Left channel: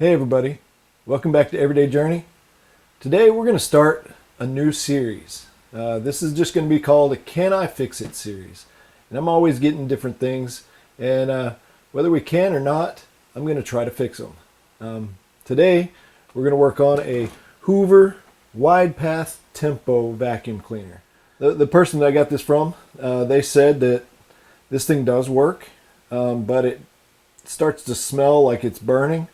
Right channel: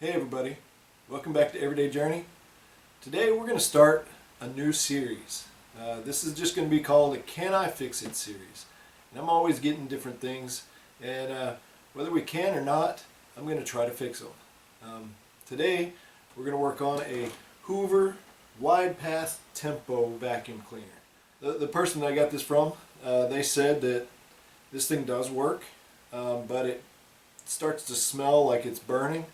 Hey everybody, welcome back to Everyday Journey. Today we're going to start a new series. This is just going to be called a Can I Fix It series. And I'm always getting different things, and whether we can or not, I'm going to try to fix them. Today we're going to work on a Hoover Widepath Tempo vacuum cleaner. The person that I got this from, they said that this thing does work, but it starts to smell like it's burning.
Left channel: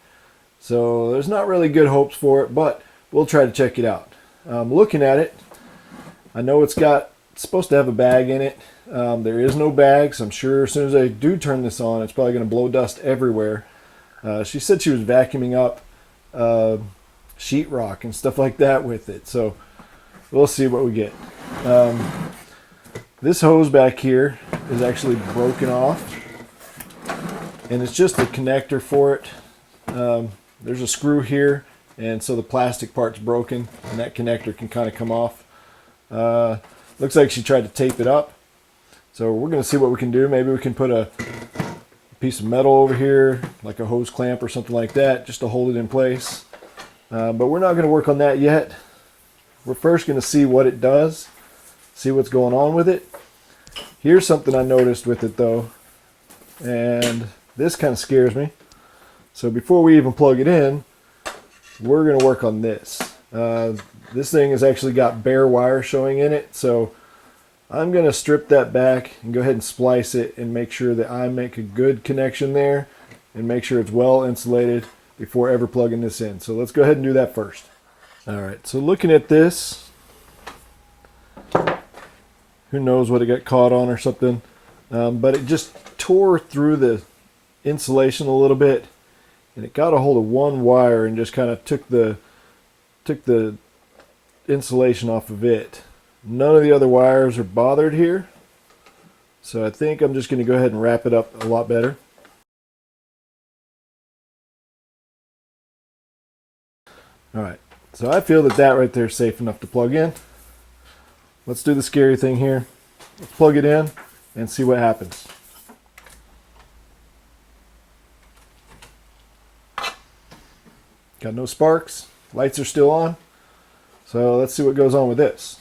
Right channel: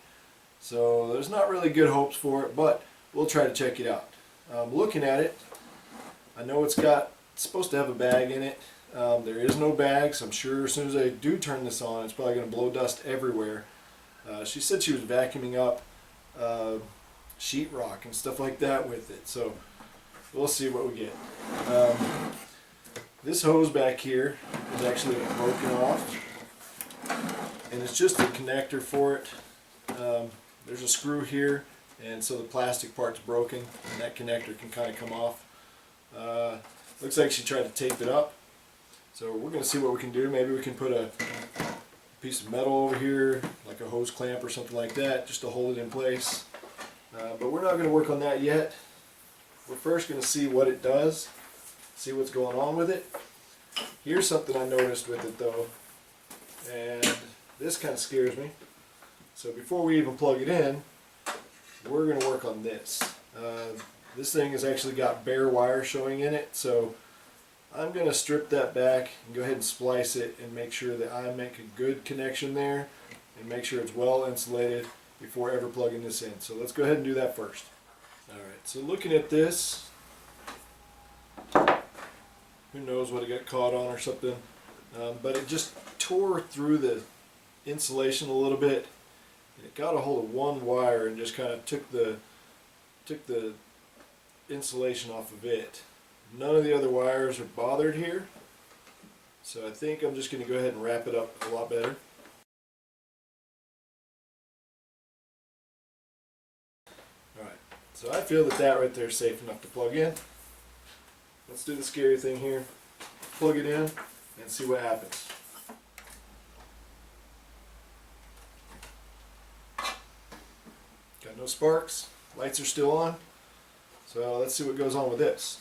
So there's not really good hopes for it, but we'll try to check it out. Looking at it, I know it's supposed to have a bag in it. There is no bag, so I'm sure as soon as I do turn this on, it's probably going to blow dust everywhere. She said she was vacuuming up sheetrock and stuff like that with it, so we'll see what we get. This hose back here is actually broken off, and it's just a connector for it. There's a screw here, and so the plastic part's broken, and that connector can kind of come off. Looks like she tried to tape it up, so we're going to see what we can do. Maybe we can put a piece of metal over here, like a hose clamp or something like that, just to hold it in place. But we're not going to work on that yet. We're first going to see what it does, see what's going on with it. Here's something I noticed with it though, and this kind of scares me. So before we even plug it in, we're going to work on this. This thing has actually got bare wire showing in it, so I'm going to strip that back and go ahead and splice it and make sure that I make a good connection there and make sure it's well insulated before ever plugging this in. So let's go ahead and do that first. Alright, so looking at this, who knows what it got caught on or something, but it just tore through the insulation a little bit. And it got a hold of one wire and just kind of took the insulation off of it. None of the other wires are bothered here, so I think I'm just going to go ahead and wrap it up a lot better. Alright, so I feel that right there is safe enough to plug in. Let's do the scary thing here. Let's plug it in and see what happens. Got no sparks, lights are still on, so let's see what goes on with this.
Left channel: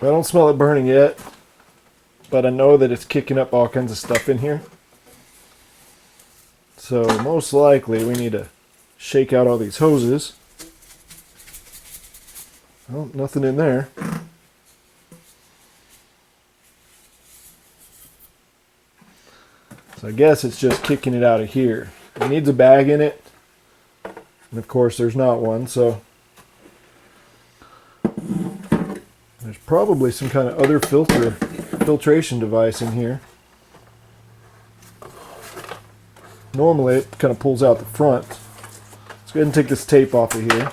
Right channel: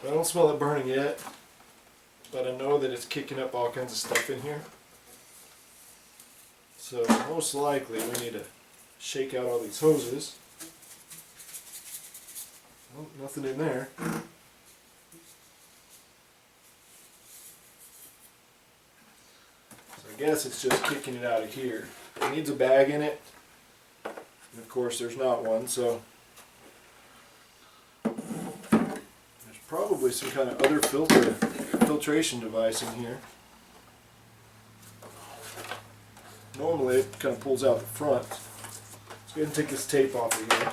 I don't smell it burning yet, but I know that it's kicking up all kinds of stuff in here. So most likely we need to shake out all these hoses. Oh, nothing in there. So I guess it's just kicking it out of here. It needs a bag in it. And of course there's not one, so there's probably some kind of other filtration device in here. Normally it kind of pulls out the front. Let's go ahead and take this tape off of here.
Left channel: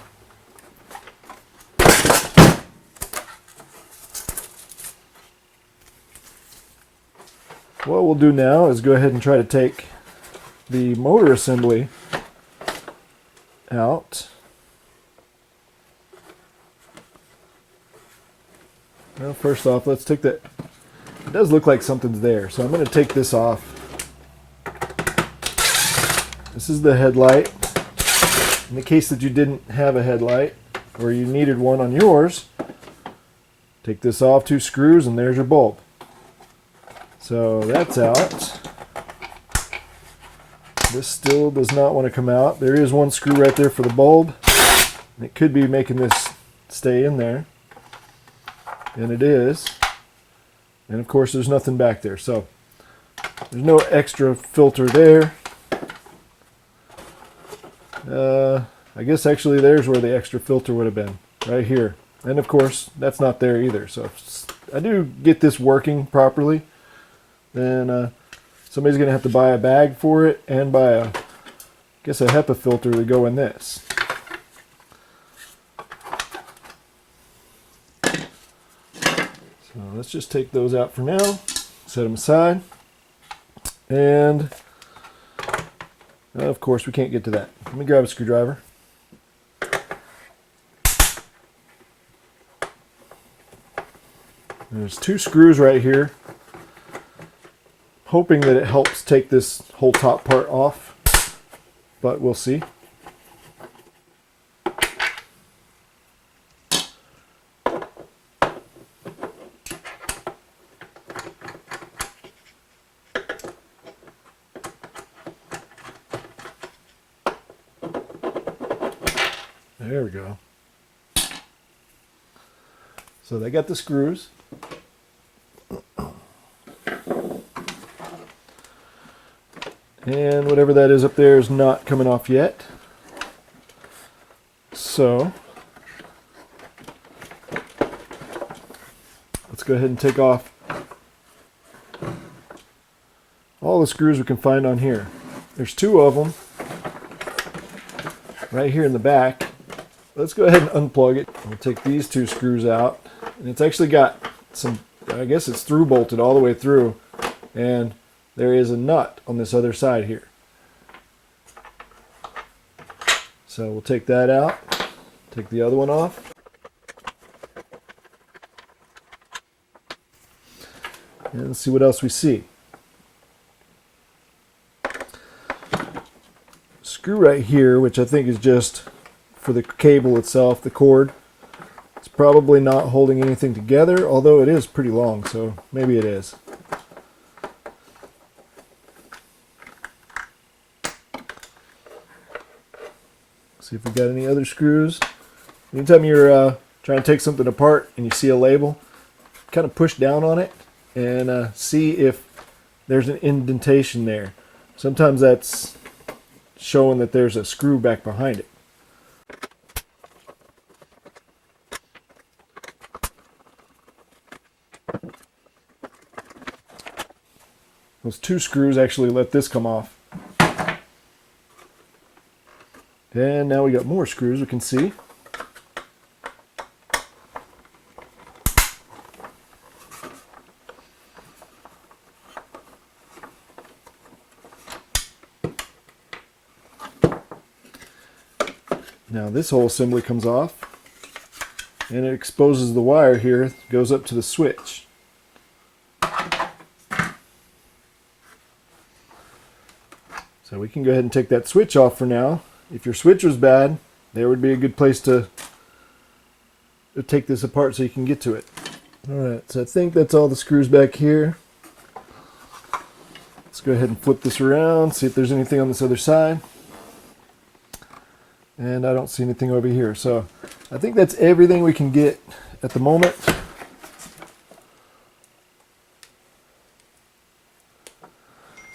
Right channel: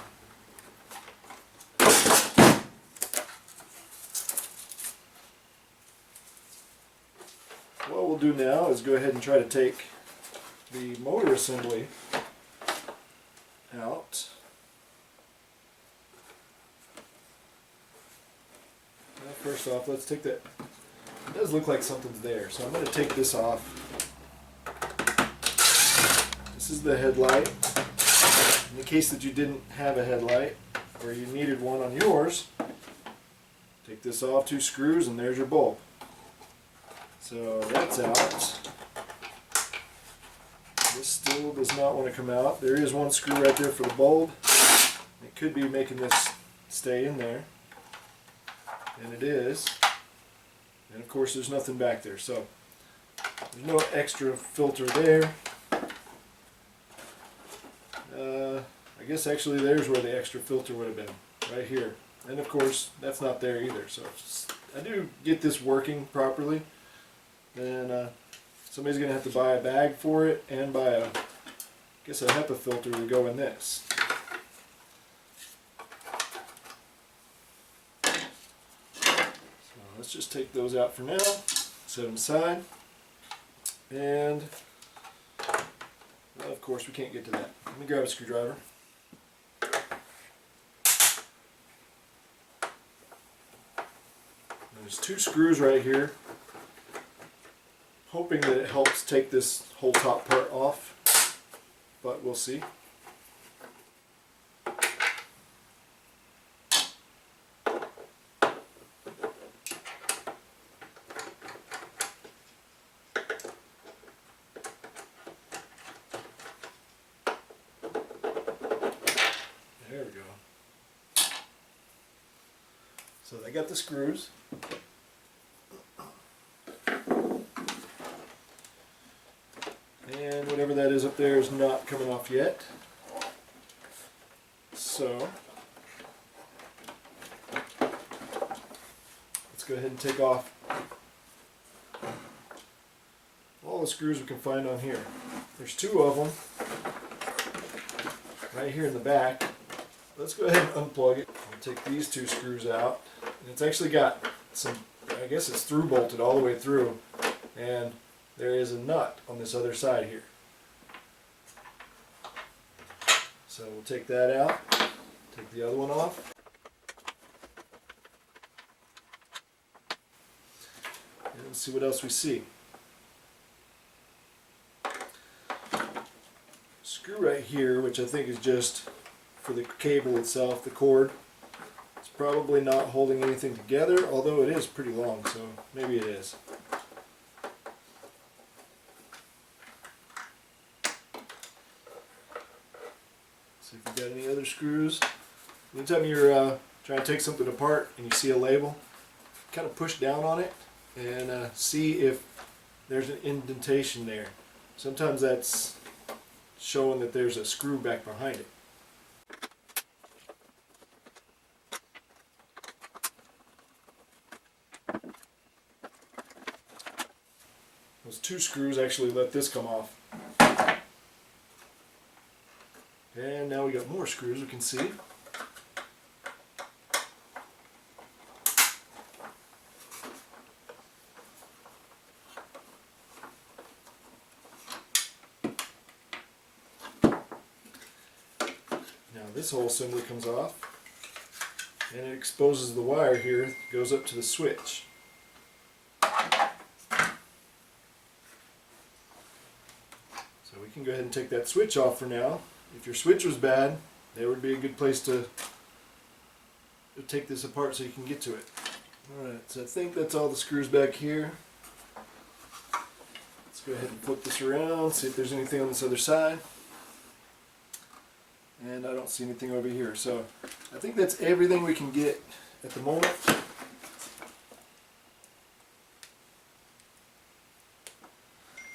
What we'll do now is go ahead and try to take the motor assembly out. Well, first off, let's take that. It does look like something's there, so I'm going to take this off. This is the headlight. In the case that you didn't have a headlight, or you needed one on yours, take this off, 2 screws, and there's your bulb. So that's out. This still does not want to come out. There is one screw right there for the bulb. It could be making this stay in there. And it is. And of course there's nothing back there, so there's no extra filter there. I guess actually there's where the extra filter would have been, right here. And of course that's not there either. So if I do get this working properly, then somebody's going to have to buy a bag for it and buy a HEPA filter to go in this. So let's just take those out for now. Set them aside. And of course we can't get to that. Let me grab a screwdriver. There's 2 screws right here. Hoping that it helps take this whole top part off, but we'll see. There we go. So they got the screws. And whatever that is up there is not coming off yet. So let's go ahead and take off all the screws we can find on here. There's 2 of them right here in the back. Let's go ahead and unplug it. We'll take these 2 screws out. And it's actually got some, I guess it's through bolted all the way through. And there is a nut on this other side here. So we'll take that out, take the other one off. And see what else we see. Screw right here, which I think is just for the cable itself, the cord. It's probably not holding anything together, although it is pretty long, so maybe it is. See if we got any other screws. Anytime you're trying to take something apart and you see a label, kind of push down on it and see if there's an indentation there. Sometimes that's showing that there's a screw back behind it. Those 2 screws actually let this come off. And now we got more screws we can see. Now this whole assembly comes off and it exposes the wire here, goes up to the switch. So we can go ahead and take that switch off for now. If your switch was bad, there would be a good place to take this apart so you can get to it. Alright, so I think that's all the screws back here. Let's go ahead and flip this around, see if there's anything on this other side. And I don't see anything over here. So I think that's everything we can get at the moment.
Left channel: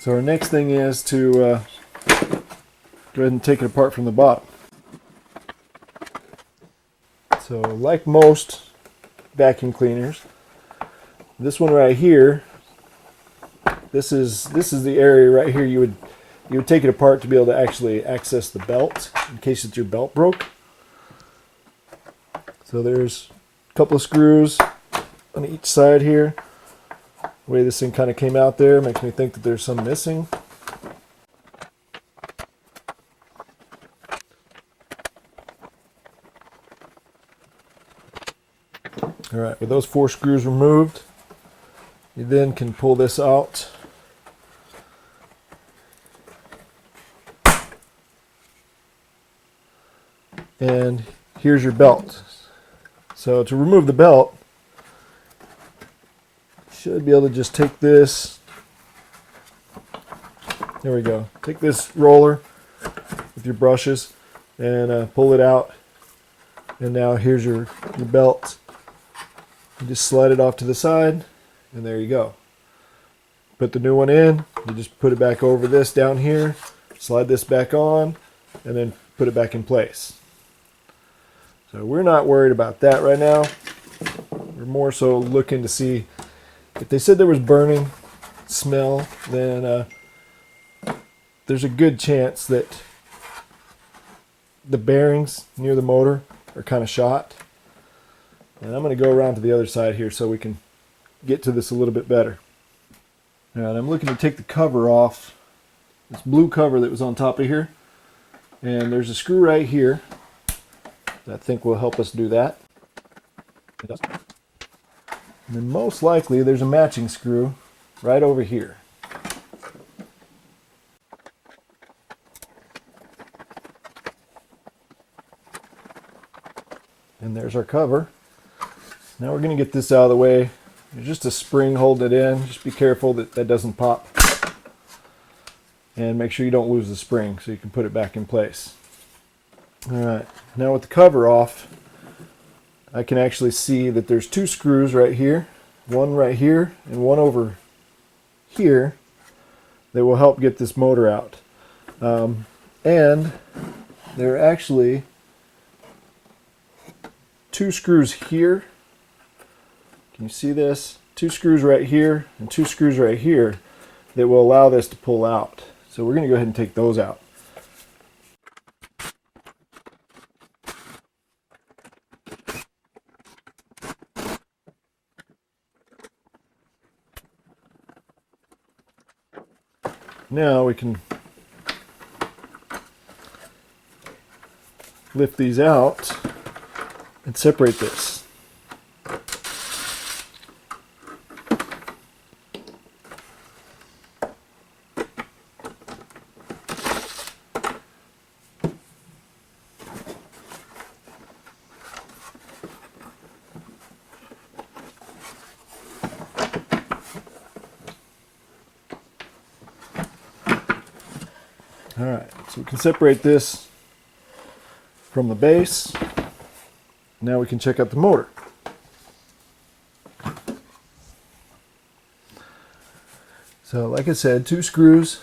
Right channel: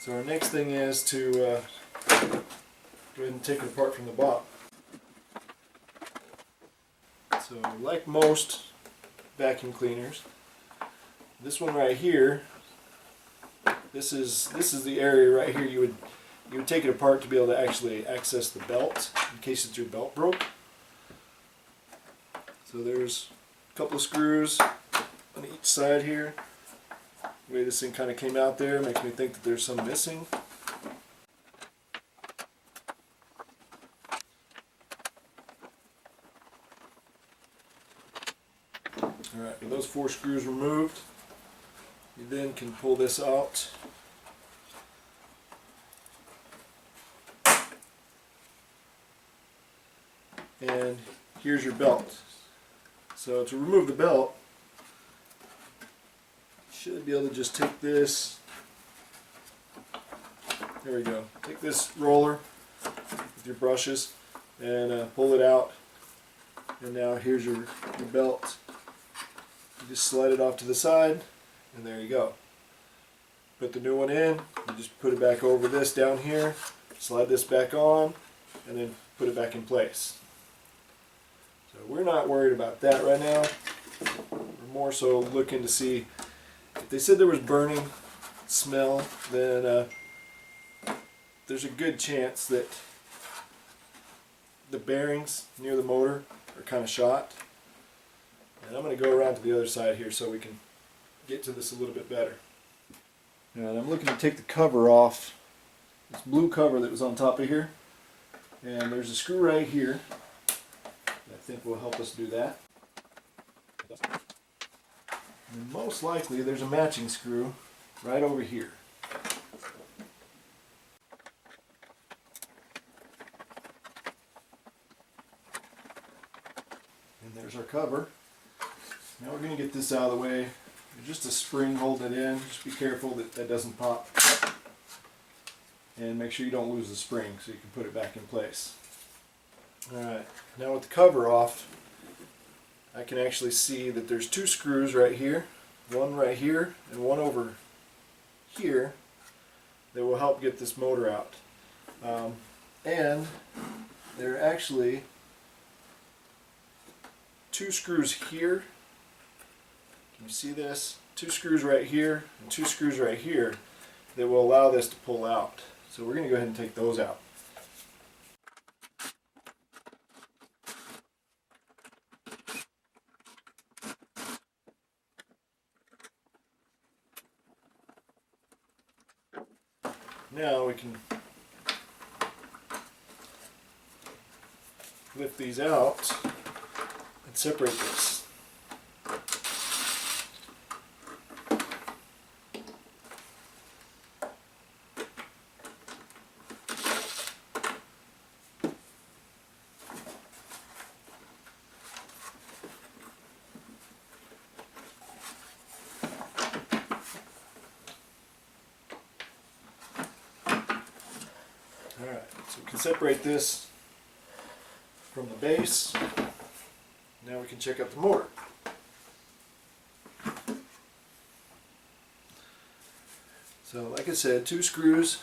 So our next thing is to go ahead and take it apart from the bottom. So like most vacuum cleaners, this one right here, this is the area right here you would take it apart to be able to actually access the belt in case it's your belt broke. So there's a couple of screws on each side here. The way this thing kind of came out there makes me think that there's some missing. Alright, with those 4 screws removed, you then can pull this out. And here's your belt. So to remove the belt, you should be able to just take this, there we go, take this roller with your brushes and pull it out. And now here's your belt. You just slide it off to the side, and there you go. Put the new one in, you just put it back over this down here, slide this back on, and then put it back in place. So we're not worried about that right now. We're more so looking to see if they said there was burning smell, then there's a good chance that the bearings near the motor are kind of shot. And I'm going to go around to the other side here so we can get to this a little bit better. Now, I'm looking to take the cover off, this blue cover that was on top of here. And there's a screw right here that I think will help us do that. It does. And then most likely there's a matching screw right over here. And there's our cover. Now we're going to get this out of the way. There's just a spring holding it in. Just be careful that that doesn't pop. And make sure you don't lose the spring so you can put it back in place. Alright, now with the cover off, I can actually see that there's two screws right here. One right here and one over here that will help get this motor out. And there are actually two screws here. Can you see this? Two screws right here and two screws right here that will allow this to pull out. So we're going to go ahead and take those out. Now we can lift these out and separate this. Alright, so we can separate this from the base. Now we can check out the motor. So like I said, two screws,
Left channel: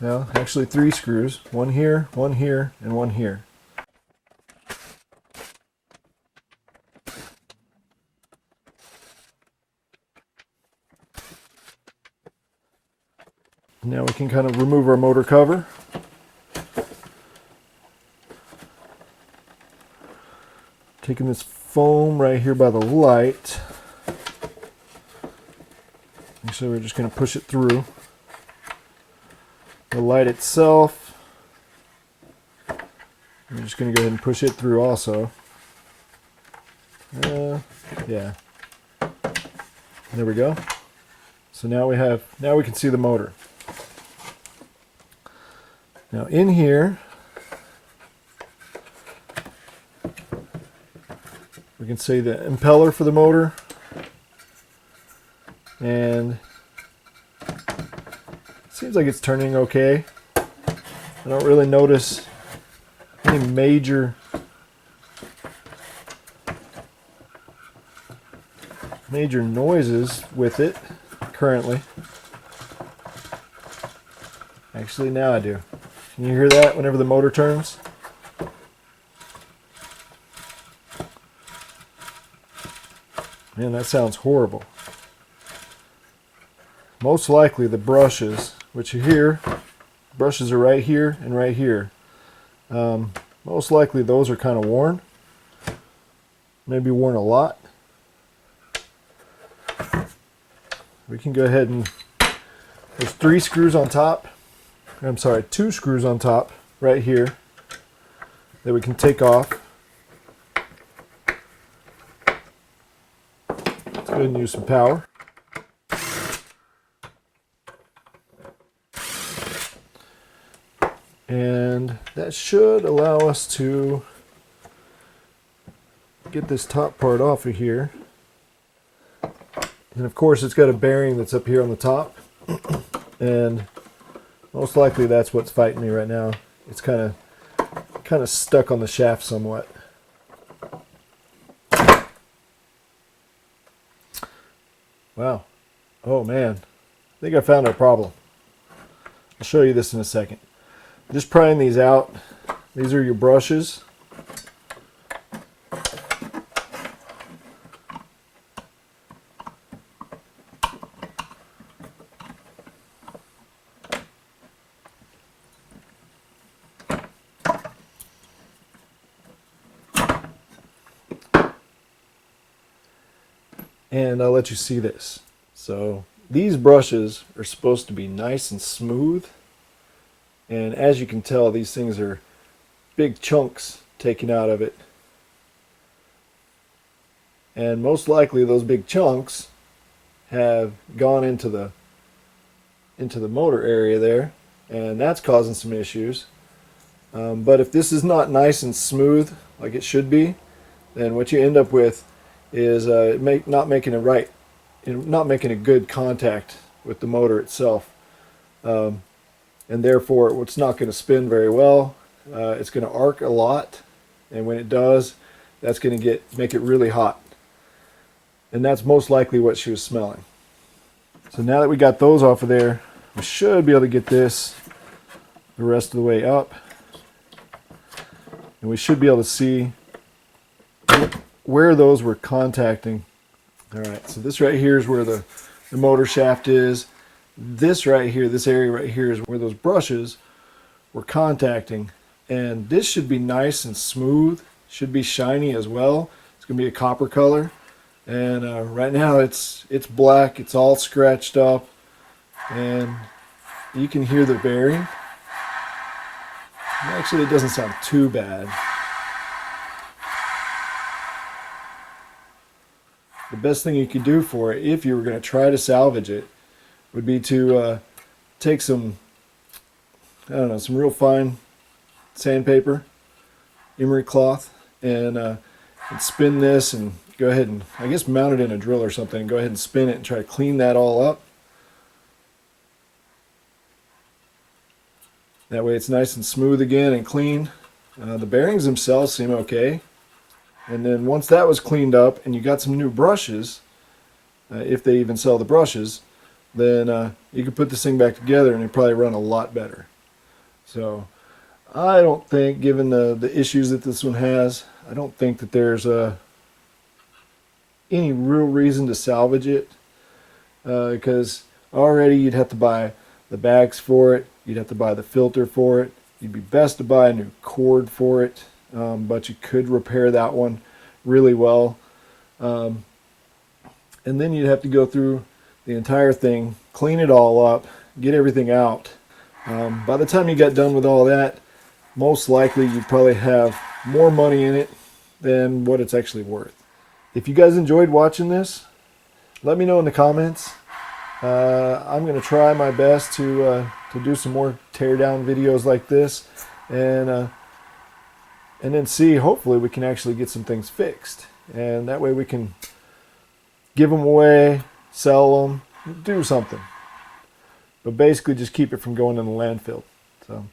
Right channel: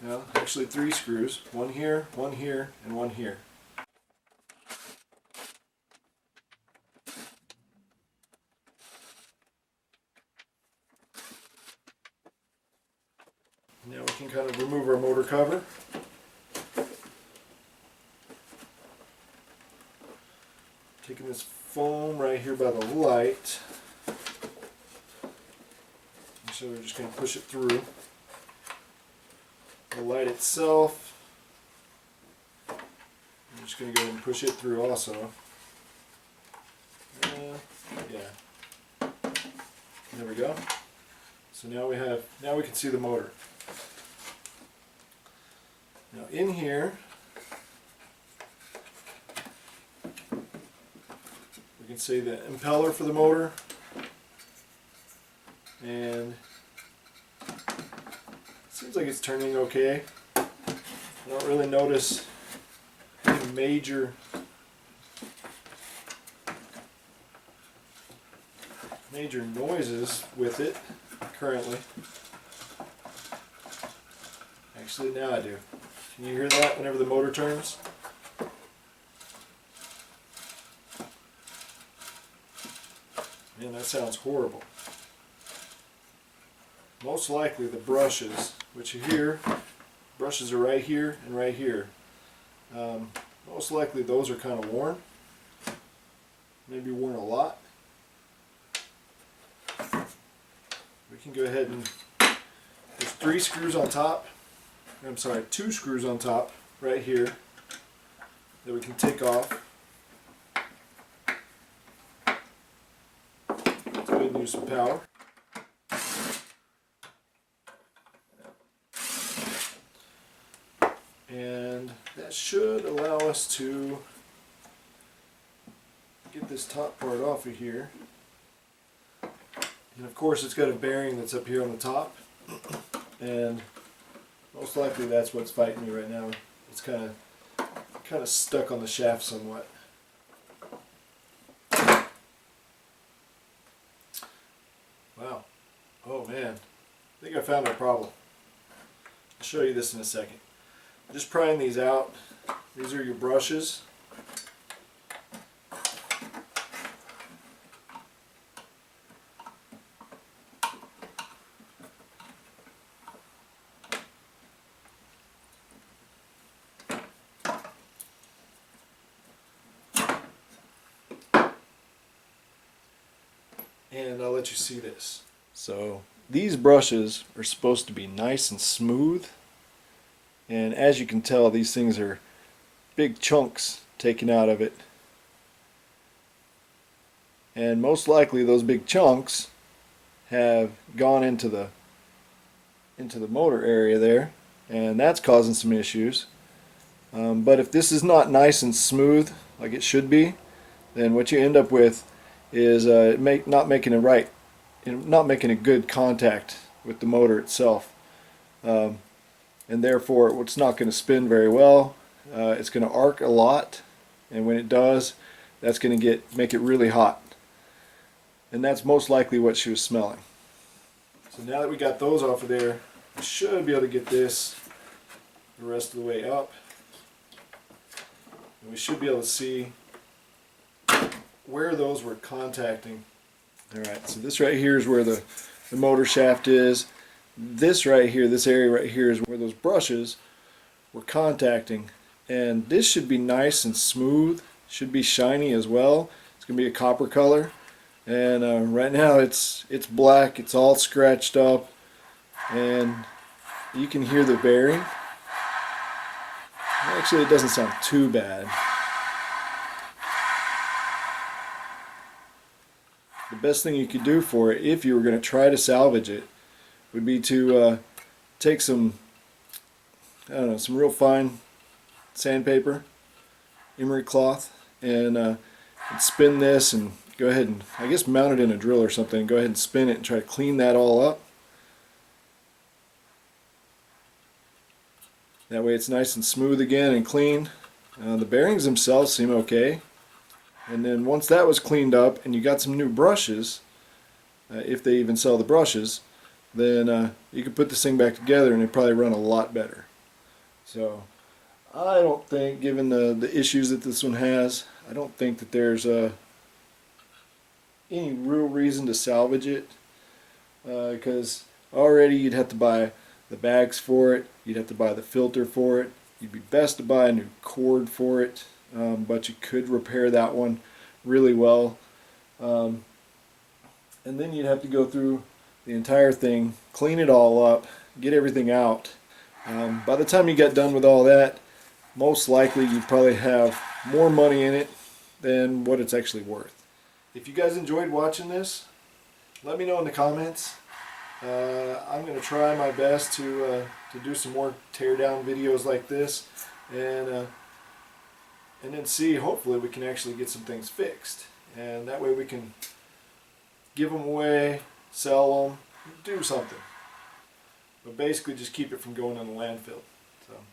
well actually three screws, one here, and one here. Now we can kind of remove our motor cover. Taking this foam right here by the light. And so we're just going to push it through. The light itself, I'm just going to go ahead and push it through also. Yeah. There we go. So now we can see the motor. Now in here, we can see the impeller for the motor, and it seems like it's turning okay. I don't really notice any major noises with it currently. Actually, now I do. Can you hear that whenever the motor turns? Man, that sounds horrible. Most likely the brushes, which you hear, brushes are right here and right here. Most likely those are kind of worn. Maybe worn a lot. We can go ahead and, there's three screws on top. I'm sorry, two screws on top right here that we can take off. Let's go ahead and use some power. And that should allow us to get this top part off of here. And of course it's got a bearing that's up here on the top. And most likely that's what's fighting me right now. It's kind of stuck on the shaft somewhat. Wow. Oh man. I think I found our problem. I'll show you this in a second. Just prying these out. These are your brushes. And I'll let you see this. So these brushes are supposed to be nice and smooth, and as you can tell, these things are big chunks taken out of it, and most likely those big chunks have gone into the motor area there, and that's causing some issues. But if this is not nice and smooth like it should be, then what you end up with is not making a good contact with the motor itself, and therefore it's not going to spin very well. It's going to arc a lot, and when it does, that's going to make it really hot, and that's most likely what she was smelling. So now that we got those off of there, we should be able to get this the rest of the way up, and we should be able to see where those were contacting. Alright, so this right here is where the motor shaft is. This right here, this area right here, is where those brushes were contacting, and this should be nice and smooth, should be shiny as well. It's going to be a copper color, and right now it's black, it's all scratched up, and you can hear the bearing. Actually, it doesn't sound too bad. The best thing you could do for it, if you were going to try to salvage it, would be to take some, I don't know, some real fine sandpaper, emery cloth, and spin this, and go ahead and, I guess, mount it in a drill or something. Go ahead and spin it and try to clean that all up. That way it's nice and smooth again and clean. The bearings themselves seem okay. And then once that was cleaned up and you got some new brushes, if they even sell the brushes, then you could put this thing back together and it'd probably run a lot better. So I don't think, given the issues that this one has, I don't think that there's any real reason to salvage it, because already you'd have to buy the bags for it, you'd have to buy the filter for it, you'd be best to buy a new cord for it, but you could repair that one really well, and then you'd have to go through the entire thing, clean it all up, get everything out. By the time you got done with all that, most likely you'd probably have more money in it than what it's actually worth. If you guys enjoyed watching this, let me know in the comments. I'm going to try my best to do some more teardown videos like this, and then see, hopefully we can actually get some things fixed, and that way we can give them away, sell them, do something, but basically just keep it from going in the landfill. So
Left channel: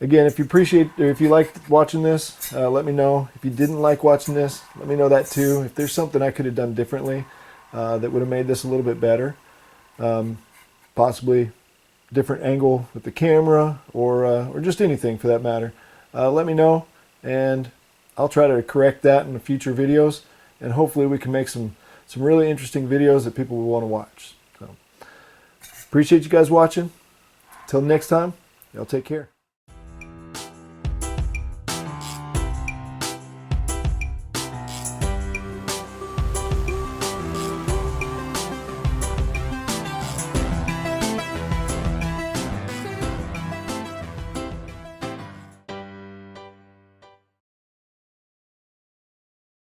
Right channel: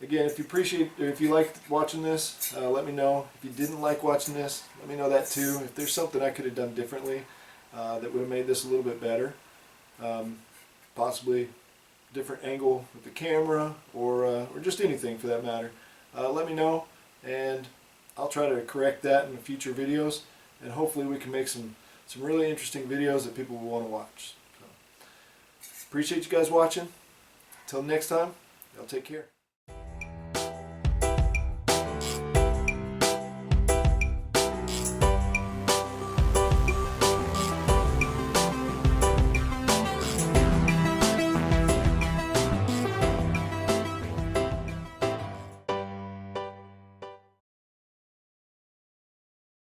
again, if you liked watching this, let me know. If you didn't like watching this, let me know that too. If there's something I could have done differently that would have made this a little bit better, possibly different angle with the camera, or just anything for that matter, let me know, and I'll try to correct that in the future videos, and hopefully we can make some really interesting videos that people will want to watch. So appreciate you guys watching. Till next time, y'all take care.